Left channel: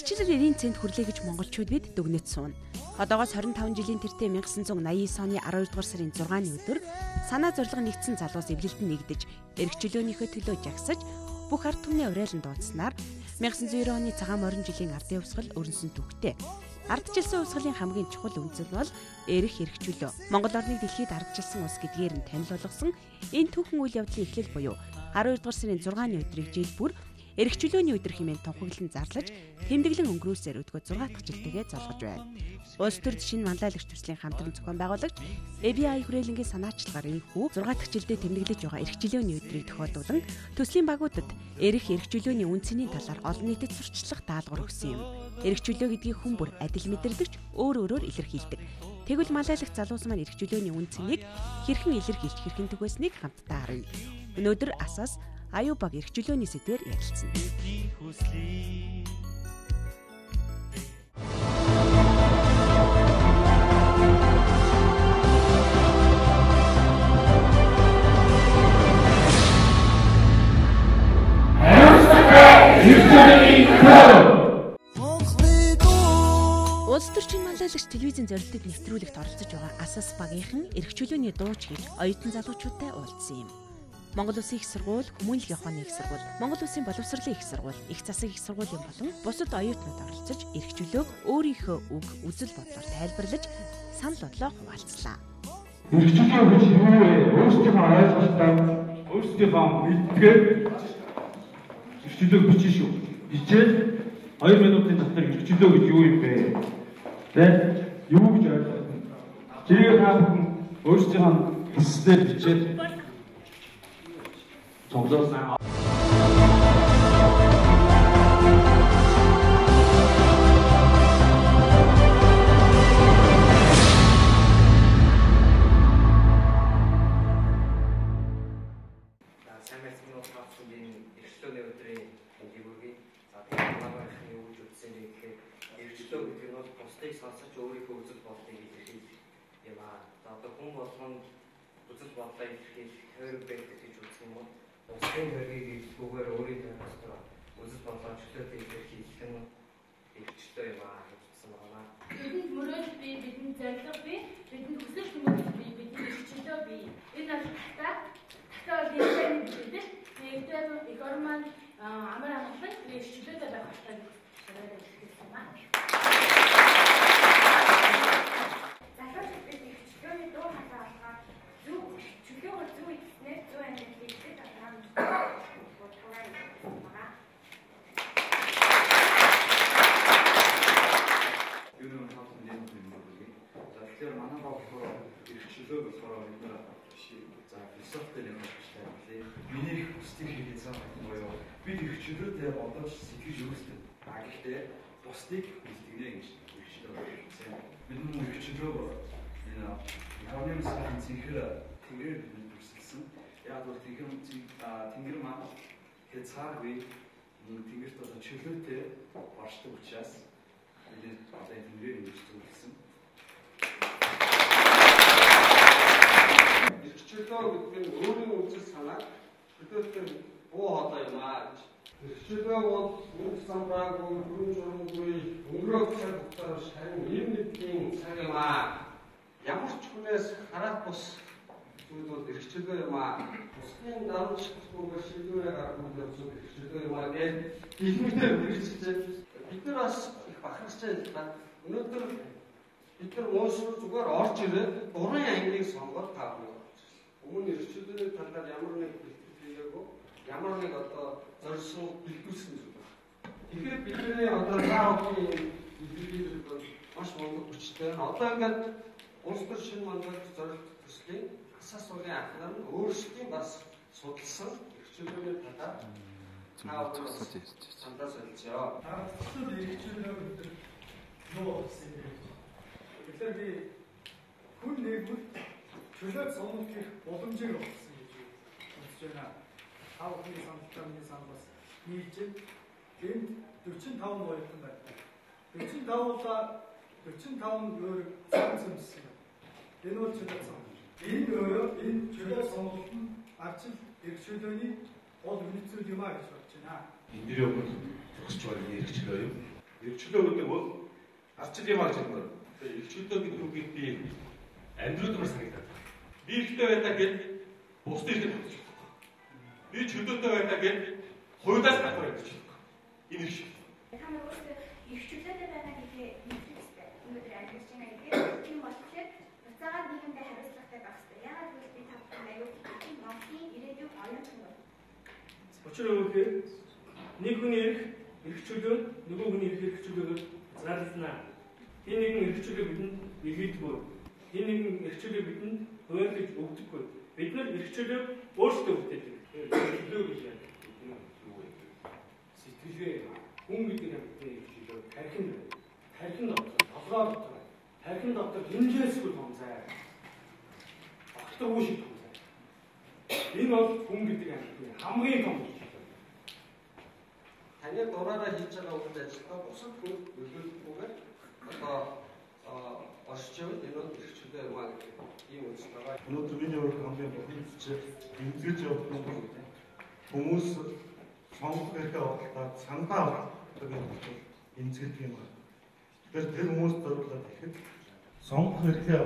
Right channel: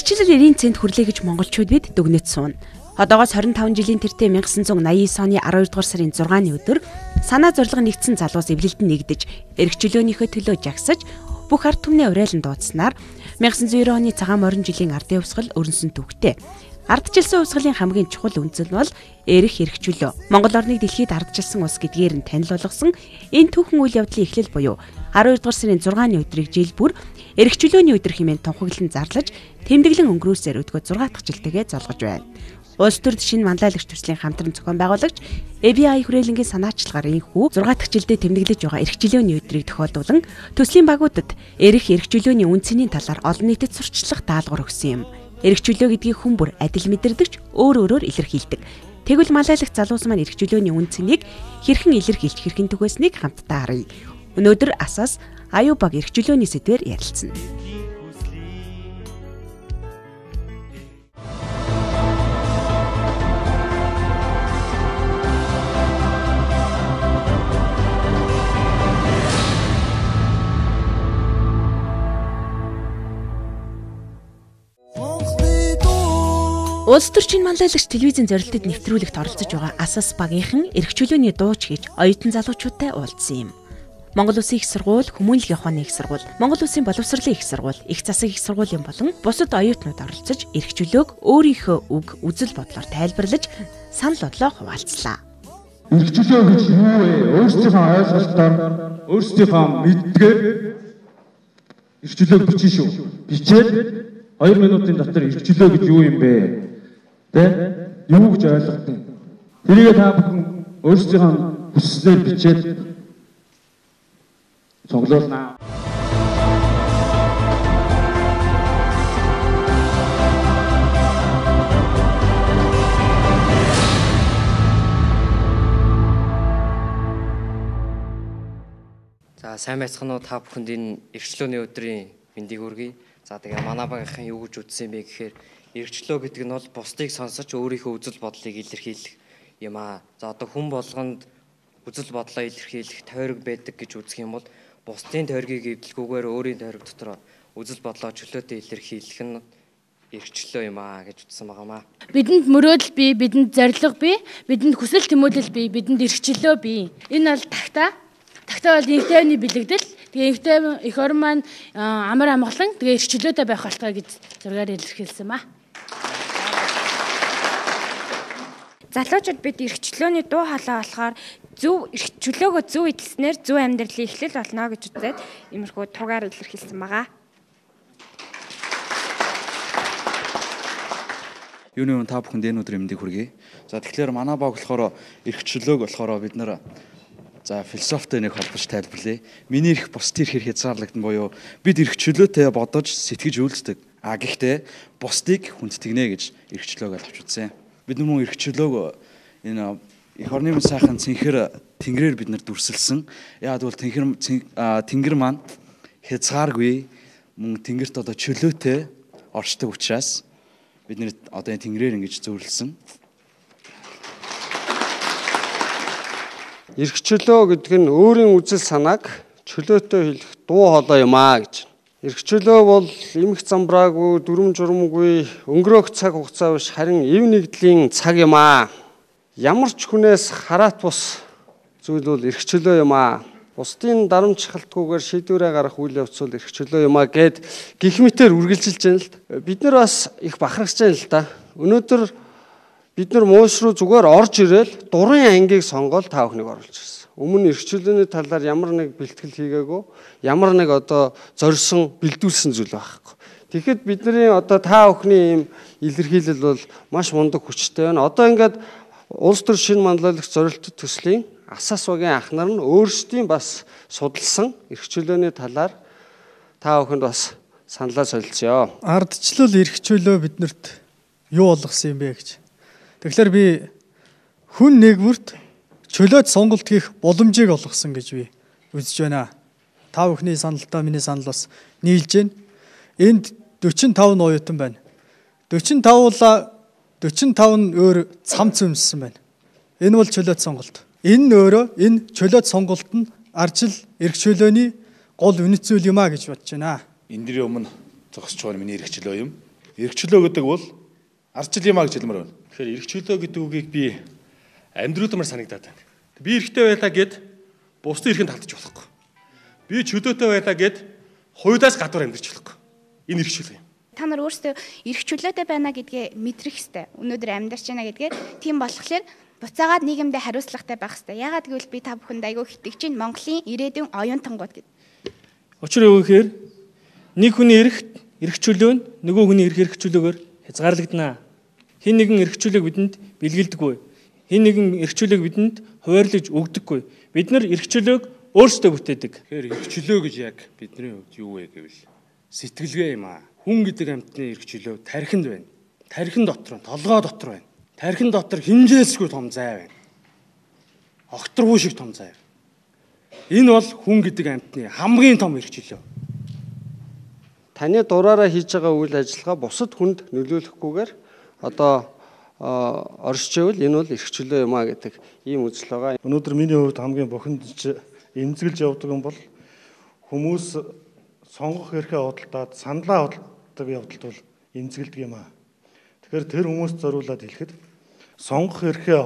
Ардчлал 90 цент хүрлээ гэж монголчууд бид дүгнэж сууна. Одоогоос 25 жилийн тэртээ 1989 оны 12 дугаар сарын 6-ны өдөр санаа зорилго нэгдсэн залуус эвлэлд нэгдэж, эрх чөлөөнийхөө төлөө жагсаж, бүх ард түмний урайлан дуудснаар 1990 оны цагаан морин жилийн ардын хувьсгал өрнсөн түүхтэй. Ардчилсан хувьсгалын хамгийн чухал үндэс нь бол эрх чөлөө. Монгол орныг дэлхийд ардчилсан улс гэдгээр нь танил болгосон энэ түүхэн үйл явдлын эхлэл буюу 12 дугаар сарын 6-ны өдрийг жил бүр эрх чөлөөний өдөр хэмээн тунхаглан зарлаж, тэмдэглэн өнгөрөөсөөр өдгөө 6 дахь жилтэйгээ золгож байна. Улс төрд шинэ манлайлагч төслийн хамтран зохион байгуулагч ABI хүрээлэнгийн санаачлагаар энэхүү 6 дахь жилдээ тэмдэглэж байгаа эрх чөлөөний өдрийг тохиолдуулан төслийн багуудад эрх чөлөөний үнцний талаар олон нийтэд сурчлах даалгавар өгсөн юм. Эрх чөлөө гэдгийг хүн бүр адил мэдэрдэгч өөрөөр илэрхийлдэг. Тэгвэл манлайлагч залуус маань эрх чөлөөний үнцнийг хэрхэн илэрхийлж хэрхэн түгээснийг хамтдаа харъя. Өнөөдөр асаас аюу баг эрх чөлөөний сэдвээр ярилцсан. Улс төрчийн манлайлагч телевизийн зорилтод нэвтрүүлэгт оролцож байгаа асаас багийнхан эрх чөлөөний дууч хийж оюутан залуучуудтай уулзсан юм. Монгол Улсын их сургууль, Хүмүүнлэгийн ухааны их сургууль, Монгол Улсын боловсролын их сургууль, их засаг их сургуулийн болон бусад оюутнууд оролцож эрх чөлөөг өөрийнхөө үг, үзэл бодлоор тайлбарлаж, санал бодлоо хуваалцлаа. Эрх чөлөө гэж юу вэ? Өөрсдийнхөө ойлголтоор, өөрсдийнхөө мэдгээр эрх чөлөөг бичиж шүү. Бичээд 2 минутын дотор эрх чөлөө гэж юу юм бэ? Юу гэж ойлгох нь? Тэрийг та бүхэн өөрсдийнхөө хүслээр бичээд цуглуулнаа. За сайн байцгаана уу та бүхэнд энэ эрх чөлөөний өдрийн мэндийг хүргэе. За тэгээ манай багийнхан юу гэж үзсэн бэ гэхээр эрх чөлөө гэдэг нь бол бусдыг сонсож өөрийнхөө үзэл бодлыг илэрхийлэх юм аа. За одоо хүн болгонд үзэл бодлоо илэрхийлэх тойрог байдаг гэж үзэх юм бол бусдын тойргийг эвдэлгүйгээр өөрийн тойрог дотор үзэл бодлоо чөлөөтэй илэрхийлэх нь эрх чөлөө юм аа гэж үзсэн байгаамаа. Бидэнд мөрөөдөл бий, бидэнд зорилго бий, бидэнд хүсэл тэмүүлэл бий, бидэнд эрх чөлөө бий. Энэ бол тагтаа. Тагтаа бол инхтэйний бэлэгдэл. Тэгээ инхтэй эх орн маань амар амгалан тэгээ эрх чөлөөтэй байх болтгой гэж зургаар илэрхийлсэн ба. Залуучууд бид эрх чөлөөний дуу хоолой болохоор зөв эрх чөлөөгөө зөв эзэлснээр зөв амьдралын эхлэл болно гэж үзээд иймэрхүү тугаар илэрхийлсэн байгаа. Юуны та бүхэнд энэ өдрийн мэндийг хүргэе. За тэгэхээр манай баг болохоор эрх чөлөөг болохоор бид нэр за философитой нэг холбож тайлбарлая. Миний эрх бусдын эрхээр хязгаарлагдсан буюу бид эрх чөлөөтэй бодож сэтгэж үйлддэг. Гэхдээ бусдыг хүндэтгнэ гэж эрх чөлөөг ойлгож үзсэн. Бид мөн эрх чөлөөг энэ эх орны сайхан цэнхэр тэнгэрээр бид нар дүрсэлсэн. Яг бол тэнгэр маань хязгааргүй мөн тэнгэрт одоо чөлөөтэй оршдог учраас бид нэр одоо энэ тэнгэрээр ингэж зөвлөсөн. Эрх чөлөө гэдэг нь өөрийн үзэл санааг чөлөөтэй хэлэх дуу хоолой юм аа гэж. Эрх чөлөө бол эмх замбраагүй, дүрм журмгүй, өнгөрөөх цаг хугацаа биш харин эв нэгдлийн цаг юм аа. Ямар ч хүнээс хараат бус зүйл бол эрх чөлөө юм аа. Бусдын дарамтчилтгүйгээр шийдвэрээ гаргах үйл явц бол эрх чөлөө юм аа гэд гих мэтээр үргэлжилж байна л. Бид нар бас их бахархаж байна л да. Өнөөдөр бид нар мууш руу зүгээр орж ирээл дурын ангийг сонгоод та бүхнийг оруулж ирсэн. Өмнө эрх чөлөөний талаар ямар нэг бэлтгэл хийгээгүй, ямар нэг одоо зорьсон, бэлдүүлсэн зүйл байхгүй. Тэгэхэд бидний одоо та бүхний ийм илэрхийлэл бол маш мундаг хүчтэй байна. Одоо ингээд улс төр шинэ манлайлагч зорилттой төслийн асаас багийн анхнаар нь өөрсдийн бас судалсан эрх чөлөөний талаар та бүхэнд бас саналаа солилцъё. Ардчлал эрх чөлөө биднэрт юу болгосон юм бэ гэж. Тэгэхээр би хүн нэгвэрт чөлөөт сонголт хийх боломжийг олгосон гэж би үзэж байна. Та бүхний саналтай миний санал бас нийлж байна. Энд 45 оюутан байна. 45 нь өөр цамц өмссөн байна. Энэ бол чөлөөт сонголт. Энэ чөлөөт сонголт нь ардчил эрх чөлөөний гол үнэт зүйл юм а гэж бодож байна. Эндний өмнө зогсож байгаа миний эрх чөлөө юм. эрхчлөө гэдэг бол ардчил юмаа гэж хэлмээр байна. Тэгэхээр эрхчлөө гэдэг үгийг би амьдруудмаар санагдаад байна. Би эрхтэй байлаа гэд бусдын эрхэнд автчих болохгүй. Би чөлөөтэй байлаа гэд хуйлаас гадуур амьдарч болохгүй. Энэ эрхчлөө юм. Та нар өөрсдөө эрх чөлөөтэй байна гэдгээ мэдрэх ёстой. Өнөөдөр амьдарч байна гэдгээ тийм болохоор буцаагаад нийгэмдээ хариуцлагатай байх ёстой. Яагаад гэвэл би та бүхэнд айгүй итгэж чинь Монголын ирээдүйн оюун тангууд гэдэг. Учир юу гэхээр нэг хүний эрх чөлөө нь нөгөө хүний эрх чөлөөгөөр хязгаарлагдана. Хэн нэгэн эрх чөлөөг бидэнд бэлгэлдэггүй. Хэн нэгэн эрх чөлөөг бидэнд хуваарлаж өгдөггүй. Бид нар эрх чөлөөг өөрсдөө бүтээдэг. Тэгэхээр эрх чөлөө гэж яг бидний хувьд юу вэ гэвэл сэтгэлгээ юм аа. Хүн гэдэг амьтны эрх чөлөө тархинд байна. Тархин дотор, толгой дотор байна. Тархин дотор хэмжээсгүй том зай байна. Огторгүй шиг том зай. Энэ бол хүн гэдэг амьтны хамгийн том эрх чөлөө. Таны дураараа хийж байгаа үйл ажиллагаа бусад хүнд нөлөөлөхгүйгээр одоо оршижвэл энэ бол эрх чөлөө юм а гэдэг ийм үзэл байгаа. Өнөөдөр миний хувьд хамгийн бухимдж эмзэглэж явдаг юм бол хүмүүс сонгох эрхээ худалдаад саналаа худалдаг явдалт бол эмзэглэдэг юм а. Тэгэхээр тэр хүмүүст зориулаад хэлэхэд сонгох эрхээ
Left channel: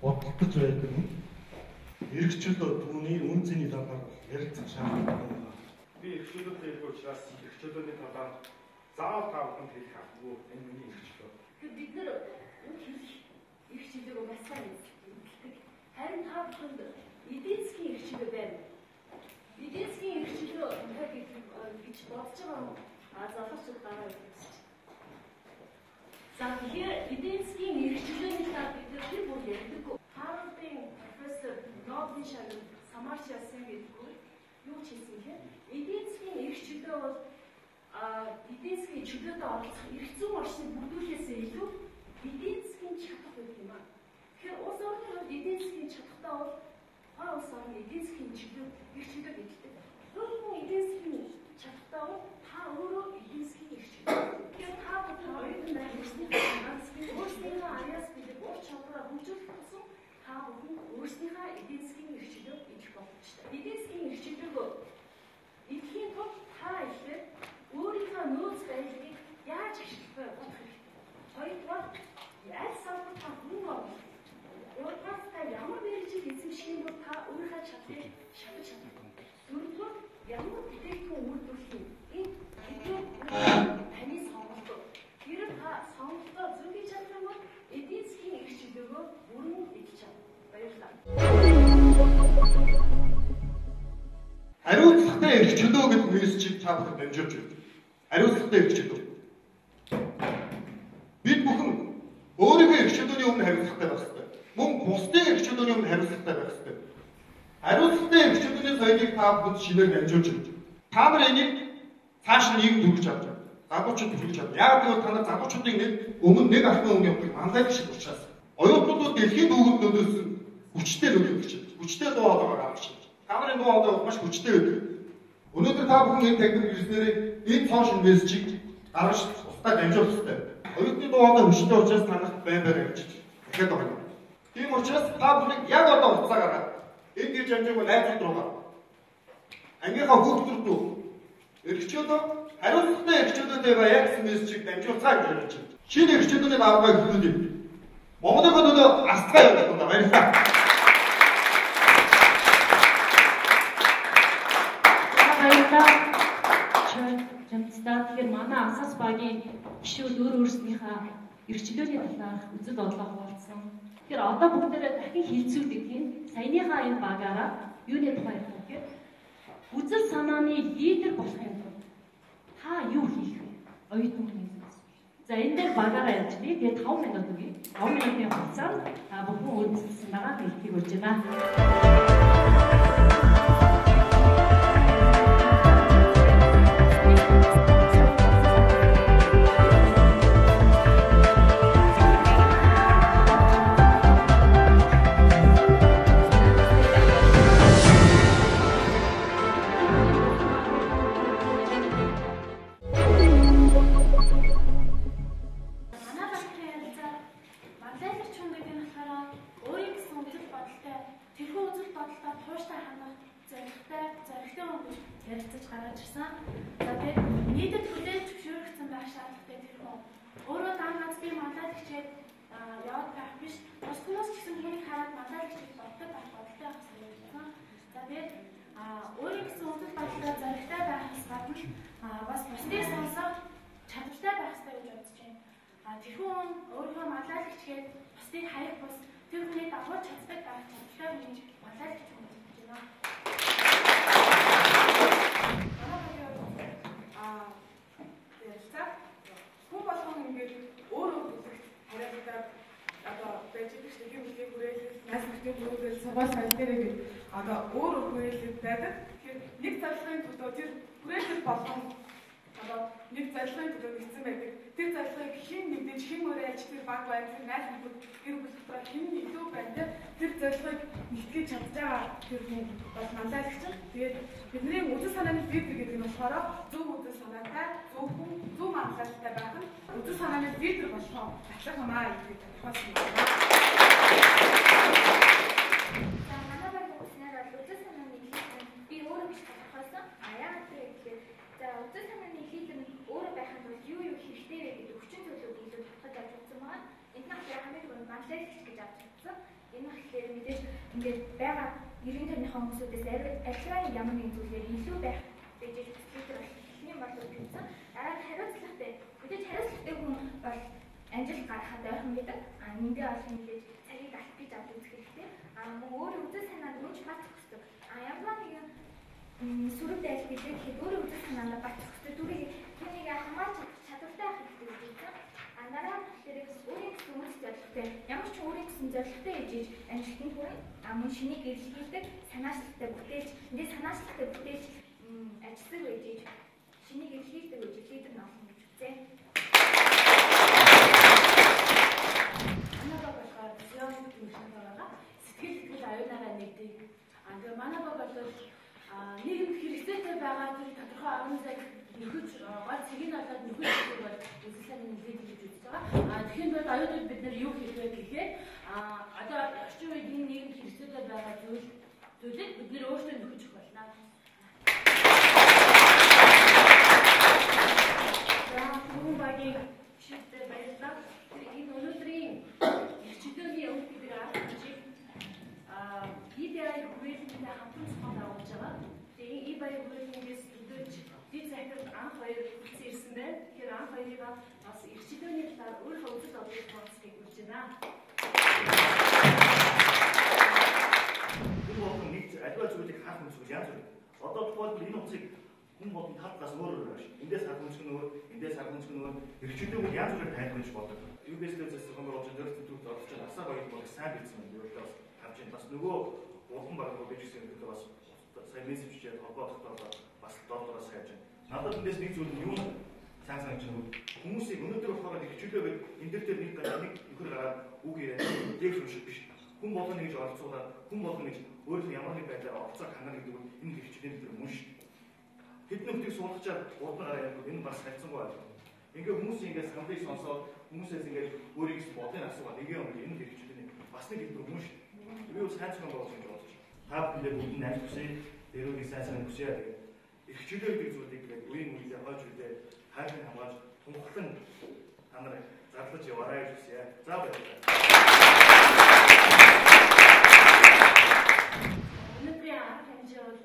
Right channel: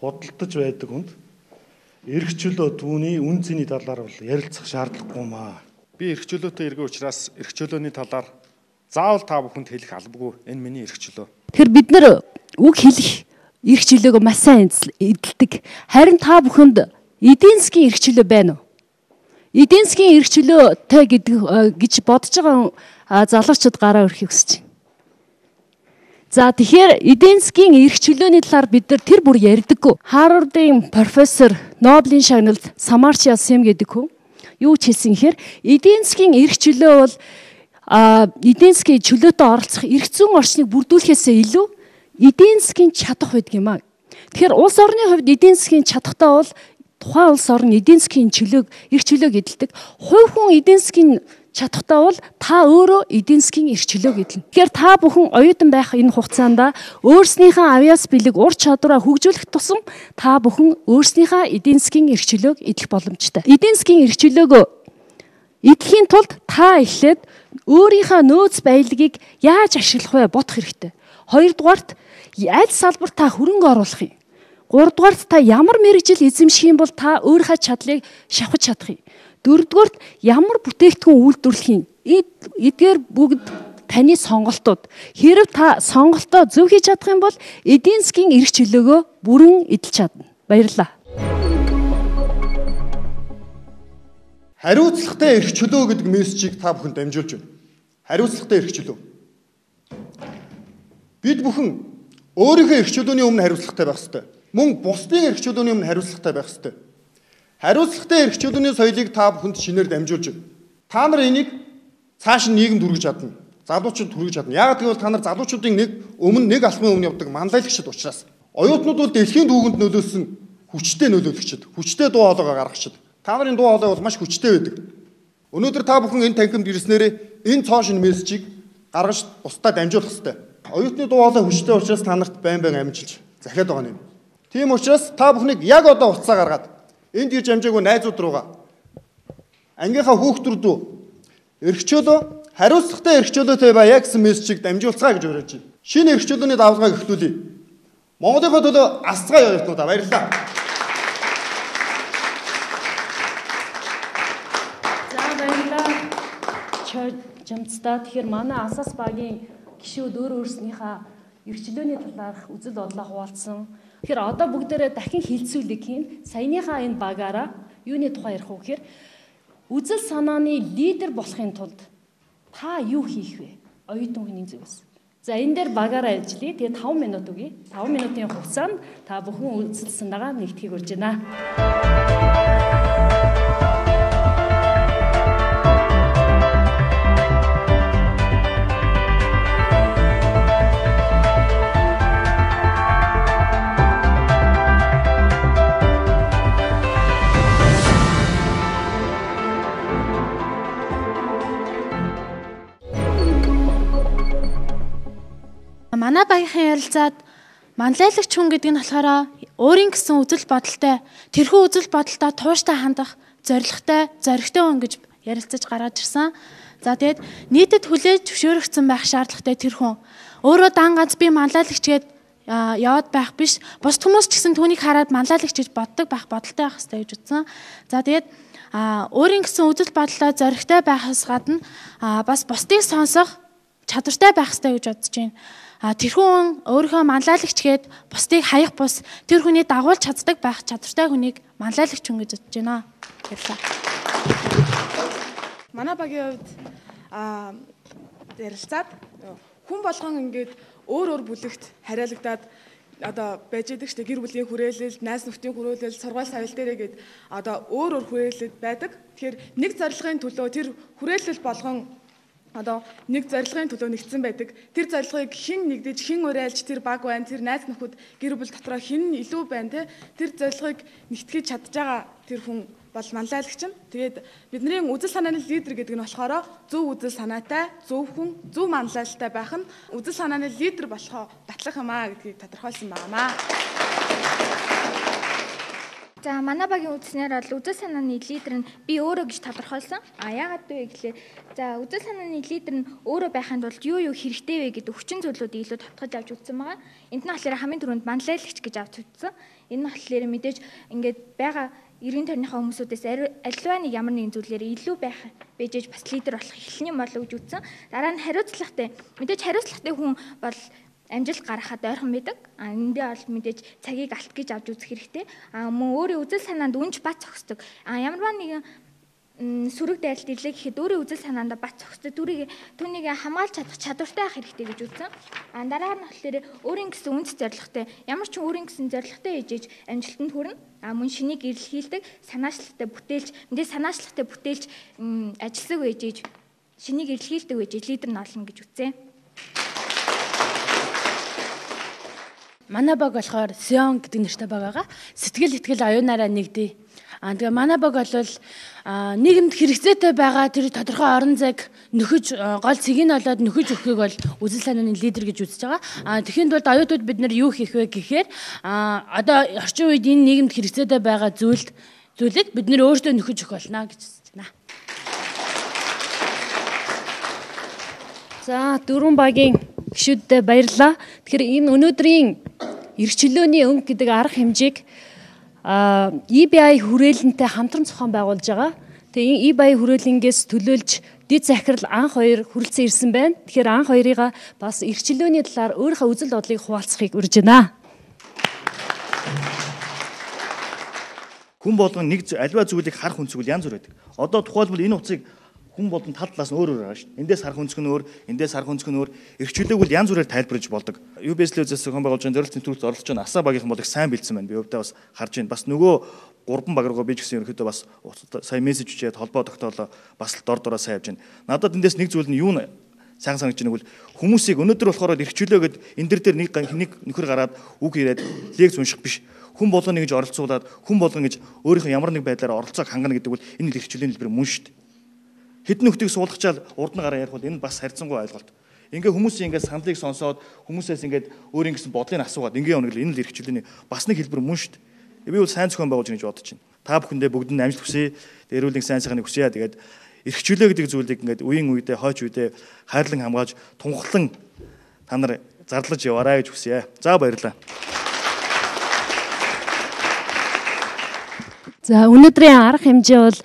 худалдаж байдаг хүнд эрх чөлөө түүний үн цэний талаар бол ярилцах шаардлагагүй юм а. Би эрх чөлөөтэй иргэн учраас эрх чөлөөний талаар заавал та бүхэнд хэлэх албагүй. Энэ миний эрх чөлөө. Тэгэхээр бид нар үг хэлэх эрх чөлөөгөө маш сайн эдэлдэг. Харин та бүхэнд эдийн засгийн эрх чөлөө байна уу? Эдийн засгийн эрх чөлөөтэй гэж бодож байгаа залуучууд гараа өрхийг хүсэж байна. За тэгэхээр эдийн засгийн эрх чөлөөний талаар бид нар тэр бүр ярьдаггүй. Харвардын профессор Нобелийн шагналд Самартья Сэм гэдэг хүн юу ч хэлсэн гэхээр эдийн засгийн эрх чөлөө бол эдийн засгийн чөлөөтэй оролцох эрх зүйн орчныг бүрдүүлэхээсээ илүү эдийн засгийн чадах байдаг юм аа. Тэгэхээр улс орны хувьд эдийн засгийн чадахтай бол тухайн улс орн эдийн засгийн чөлөөг эрх чөлөөг эдэлдэг. Хувь хүн эдийн засгийн чадахтай бол та өөрөө эдийн засгийн эрх чөлөөг эдэлнэ. Тэгэхээр та бүхэн оюутан байх энэ хугацаанд өөрснийхөө авьяас бэлэг ур чадвараа хөгжүүлэх тусам та бүхэн өөрснийхөө эдийн засгийн эрх чөлөөг эдэлэх боломжтой. Эдийн засгийн эрх чөлөөгөө эдэхийн тулд та эхлээд өөрийнхөө нөөц баялагийг яаж ашиглах вэ бодох хэрэгтэй. Хоёрдугаарт аль салбарт та хөрөнгө оруулах юм. Гуравдугаарт та ямар мэргэжил эзэмших юм бол та өөрийнхөө чадлыг шавхаж чадах юм. Дөрөвдүгээрт ямар бүтээгдэхүүн үйлдвэрлэх юм. Эдгээр бүгд таны сонголтууд. Хэрэв та сонголтоо зөв хийж чадах юм бол эдийн засгийн эрх чөлөөгөө бүрэн эдэлж чадна. Баярлалаа. Хариуцлагатай эрх чөлөө гэдэг мессежийг та бүхэнд дамжуулж байна. Хариуцлагатай эрх чөлөө. Бид бүхэн өөрийнхөө эрх чөлөөний өмнө хариуцлагатай байх ёстой. Мөн бусдын эрх чөлөөний өмнө хариуцлагатай байх ёстой. Хариуцлагатай эрх чөлөөний соёлыг та бүхэнд шинээр дамжуулж байна. Та нар энийг цааш нийгэмд хүргэж чадна. Залуучууд хүргэж чадна. Яг гэвэл та нар залуучуудын нэг алхмын өмнө явдаг манлайлагчид учраас. Оюутнууд бол дэлхийн түүхэнд нөлөөлсөн хүчтэй нөлөөлөгчд, хүчтэй дуу хоолойгоо гаргагчд. Та нарын дуу хоолой бол маш хүчтэй байдаг. Өнөөдөр та бүхэн энэ танхимд ирснээрээ энэ цоошин мессежийг гаргаж бусдад дамжуулах ёстой. Оюутны дуу хоолой хүчтэй учраас та нарт байн амжилж захиад байгаа юм. Тийм учраас та бүхнийг яг одоо уцаа гаргаад энд ирж амжаагүй найзууд руугаа ангийнхаа хүүхдүүд рүү эрх чөлөө хариуцлагатай эрх чөлөөтэй байя гэсэн мессежийг дамжуулцгаа гэж уриалж байна. Шинэ эрх чөлөөний давалгааг эхлүүлье. Монголын төлөө асцгаа явуултаа баярлалаа. Жамцтай тэгэхээр манай Асас багийн гишүүд өөрснийхөө эрх чөлөөний талаарх үзэл бодлоо хуваалцсан. Тэгэхээр одоо бүгдээрээ дахин хилцүүлэг хийн. Саяныхаа энэ багаараа юуны тухай ярих вэ гэхээр үзэл санааны лидер болохын тулд та юу хийх вэ? Оюутан хүний зүгээс. За энэ дээр багаараа ярьжлээ. Тэгээ 5 минут өгье. 5 минутын хугацаанд та бүхэн үзэл санаагаа нэгтгэхийг урьж байна. Манай багийнхын ярилцаад манлайлагч хүн гэдэг нь болохоор өөрийн гэсэн үзэл бодолтой, тэрхүү үзэл бодолтой тууштай хандах, зоригтой хүн гэж ярилцаж гараад ирсэн. За тэгээд нийтэд хүлээж зөвшөөрөгдсөн байх шаардлагатай тэр хүн Өөрөө дан ганц би манлайлагч гээд яваад байх биш. Бусд хүмүүс ч гэсэн түүнийг хараад манлайлагч гэж боддог байх, бодолтой байх хэрэгтэй гэж үзсэн. За тэгээд өөрийн гэсэн үзэл бодлоо зоригтой байхаас гадна бас бусдыг сонсох чадвартай байх хэрэгтэй гэж бодож байна. Тэрхүүн өөрийнхөө манлайлагч гээд бусдыг хаях бус тэр хүний дагуулж чаддаг байх чадвартай хүнийг манлайлагч хүн гэж бодож байна. Манай багийн хувьд ярилцаад хүн болгон ингээд өөр бүлэгт хариалагдаад одоо байж идэг штэ, гэр бүлийн хүрээлэл, найз нөхдийн хүрээлэл, сургууль соёл дээрээ гээд одоо өөр хүрээлэлд байдаг. Тэгэхээр нэг зорилгын төлөө тэр хүрээлэл болгон одоо нэг зорилгын төлөө нэгдсэн байдаг. Тэр зорилгыг хэн нэгдэж, хэн уриалж тэр баг байна, тэр найз нөхөд гэр бүл дотроо хэн илүү байна те. Тэр зорилгыг нэгтгэж чадж байгаа тэр хүн бол манлайлагч нь. Тэгээд бидний үзэл санааны лидер гэдэг нь болохоор зөв үзэл санаатай, зөв хүн, зөв манлайлалтай байх нь үзэл санааны лидер болохоо батлах юм аа гэдгийг тодорхойлсон байна. За манай багийн үзснээр бол үзэл санааны лидер нь би өөрөө гэж тодорхойлсон. Яагаад вэ гэхлээр за үзэл санааны лидер нь өөрөө байханд бол юу хэрэгтэй вэ гэдэг хүчин зүйлүүдийг илүү тодтогч авч үзсэн байгаа. Энд нь болохоор хамгийн түрүүнд манлайлагч гэж авч үзсэн. Энэ нь болохоор мэдээж ингээд байгаа эргэн тойрныхоо хүмүүсүүдээс аливаа нэг ямар нэгэн зүйлээр илүү байх бэжэж бас лидер болох эхлэний болов гэж үзсэн. Дараа нь хариуцлагатай. Мэдээж хариуцлагатай хүн бол амжилт гаргахад ойрхон байдаг. Эндээ бол мэдээж цагийг алт гэж авч үзэх хэрэгтэй. Мөн өөрийн үзэл санаанд үнж бат зохисдог. Ямарваа нэгэн сүрэг дайлт ирлээ гэхэд өөрийн үзэл санаанд бат зохисдог. Түүнийг хамгаалж чадах чадвартай байх хэрэгтэй гэж үзсэн. Дараа нь болохоор өөрийн гэсэн үнц зорилготой ямар ч өөрийн гэсэн зорилготой ээжэж амжилтанд хүрнэ. Мөн шинийг эрэлхийлдэг, санаачлагтай бүтээлч, санаачлагтай бүтээлч ажилсаг ээжэж шинийг эрэлхийлдэг ээжэж лидер нь олно гэж үзсэн. Манай баг болохоор Сион гэдэг нэртэй баг байгаа. Сэтгэл итгэл оюунаараа нэгдээ. Тэгээ манай баг бол нийгэмд хэрэгцээтэй байгаа тэр тодорхой орон зайг нөхөж гол цэгийг нь олоод нөхөж өгөхийг бол үзэл санааны лидер гэж үзэж байгаа. Тэгэхэд бол оюутнууд бид нар юу хийх вэ гэхээр одоо орчин үед энэ нийгэмд хэрэгцээтэй байгаа зүйлийг бид нар өөрсдөө нөхөж өгөх болно гэж үзэж байна. За дөрвөн багийн гишүүдэд баярлалаа. Тэгэхээр энэ өнөөдрийн эрх чөлөөний өнгө гэдэг арга хэмжээг EBI хүрээлэнтэй хамтран зохион байгуулж байгаа. Тэгээ EBI хүрээлэнгээс төлөөлж дэд захирал анх хоёр хүрэлцэн ирсэн байна. Тэгэхээр анх хоёрыгаа бас эрх чөлөөний талаар өөрийнхөө үзэл бодлыг хуваалцахыг урьж байна. Хүн болгон нэг альва зүйлийг харах үнцгэл янз бүр байдаг. Одоо тухайлбал энэ утсыг хүн болгон тал талаас нь өөр байгаа шүү. Эндээс харах үнцг нь өөр, эндээс харах үнцг нь өөр. Эрх чөлөөг бол янз бүрээр тайлбарлаж болдог. UBS-ээс зохион байгуулж байгаа зорилт төвлөрөлт оролцож байгаа асаа багийнхан болыг сайн бэлдсэн байна. Би өвдөө бас харж байна. Бас нөгөө гурван баг руугаа би ч гэсэн ерөөхдөө бас сая мессеж үчээд холбоо тогтоолоо бас дор дороо сайн явж байна. Надад эндээс нэг зүйл нь юу нэ сайн санагдаж байгааг бол хүмүүсийг өнөөдөр болохоор эрх чөлөө гэд энэ дэр нэг нөхөр гараад үг яриад лекц унших биш. Хүн болгоно гэж оролцуулаад хүн болгон гэж өөрийнхөө ямар нэг байдлаар оролцоог хангана гэдэг бол энэ эрх чөлөөний хэлбэр мөн шүү дээ. Хэдэн нөхдийг суулгачаал урд нь гараа ярих бол энэ бас харьцангуй ойлголт. Ингээ хүмүүсийн ингээ саналыг сонсоод хүмүүсээс ингээ өөрийн гэсэн бодлыг асуугаад ингээ явна гэл энэ л эрх чөлөөний бас нэг хэлбэр мөн шүү дээ. Би бол сайн зохион байгуулж гэж бодож байна. Та бүхэндээ бүгдэнд амжилт хүсье. Эрүүлэн сайн сайхныг хүсье. Тэгээд эрх чөлөө гэдэг зүйлийг ингээ үеийн үедээ хойч үедээ хайрлан хамгаалж тунхлан та нар зарлаж яваарай гэж хүсье. За баярлалаа. За өнөөдрийн арга хэмжээ бол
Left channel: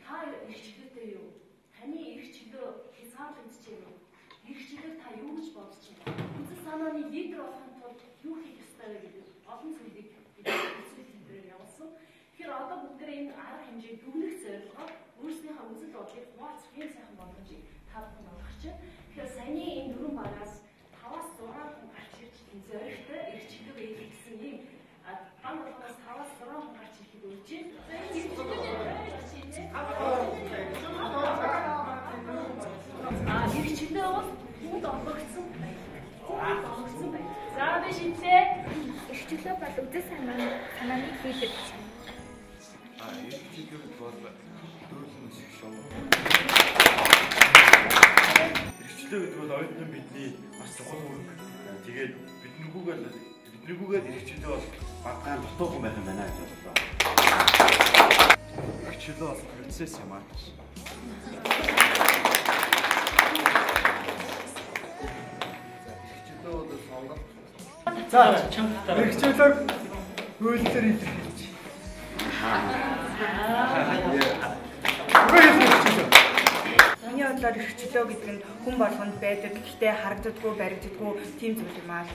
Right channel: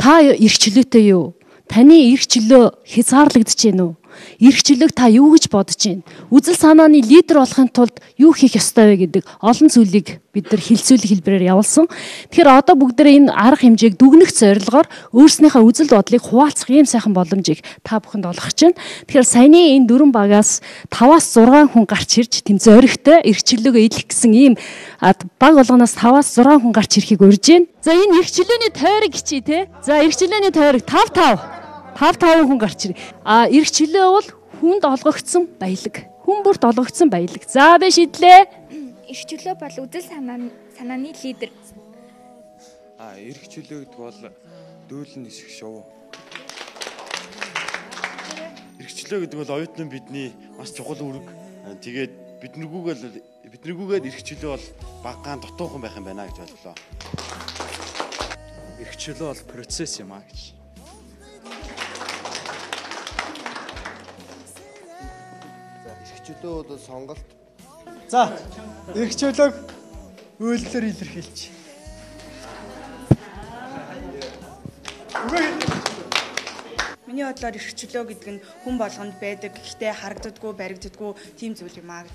та эрх чөлөөтэй юу? Таны эрх чөлөө хязгаарлагдаж байна уу? Эрх чөлөөг та юу гэж бодож байна? Үзэл санааны лидер болохын тулд юу хийх ёстой вэ гэдэг олон зүйлийг бид нар хэлцүүлэх хэлбэрээр явуулсан. Тэгэхээр одоо бүгдээ энэ арга хэмжээг дүгнэх зорилгоор өөрснийхөө үзэл бодлыг хуваалцах ийм сайхан боломжийг та бүхэнд олгож байна. Тэгэхээр саяны энэ дөрвөн багаас 5-6 хүн гарч ирж тэм зоригтой эрх чөлөөгөө идэх гэсэн ийм баг болгоноос 5-6 хүн гарч ирэхийг урьж байна. За энэ эрх чөлөөний тойрог хичээ те. За эрх чөлөөний тойрог 5 хүн гарч ирэх. Эрх чөлөө бол хүнд олгогдсон баялаг. Хүн бүрт олгогдсон баялаг. За би шийдлээ. Эрх чөлөө бол үзэл санааны лидер. Эрх чөлөө гэдэг бол дөөлөн нисэх шоу. Эрх чөлөө гэдэг бол оюутны бидний бас чухал үүрэг. Тэгээд биднэргүйгээр эрх чөлөө бол багаан дутуухан байх юм байна гэж бодлоо. Эрх чөлөө бол процесс юм аа гэж. эрхчлөөний сонголт. За, эрхчлөөг үйлдэлээр илэрхийлж. Миний бодлоор эрхчлөө гэдэг нь хүн болгонд байдаг гэхдээ харагддаггүй, баригддаггүй тийм зүйл юм аа.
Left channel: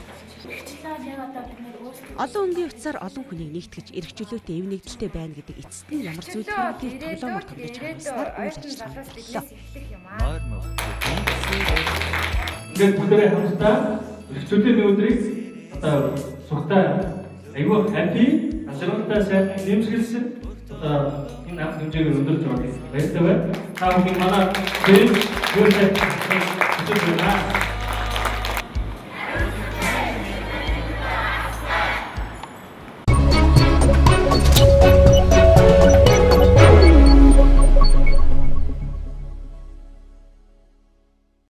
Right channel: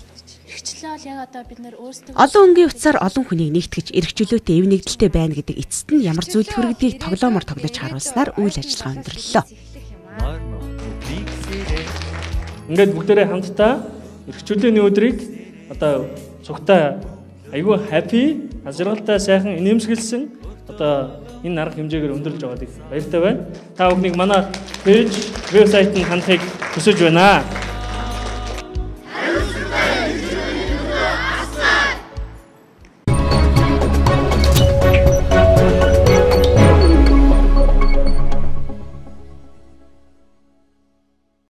Эрхчлөө бол яг одоо бид нэр өөрсдөө Олон өнгийн утсаар олон хүнийг нэгтгэж эрхчлөөтэй эв нэгдэлтэй байна гэдэг эцэст нь ямар зүйл хүргэдгийг тоглоомор тоглож харуулснаар үйл ажиллагаа өндөрлөлөө. Ингээд бүгдээрээ хамтдаа эрхчлөөний өдрийг одоо цугтаа айгүй happy, ажралтай сайхан нэмсгэлсэн одоо энэ арга хэмжээгээр өндөрлөж байгаа юм. Баяртай байна. Та бүхнийг манай пэйж, вебсайтыг хандахыг хүсэж байна.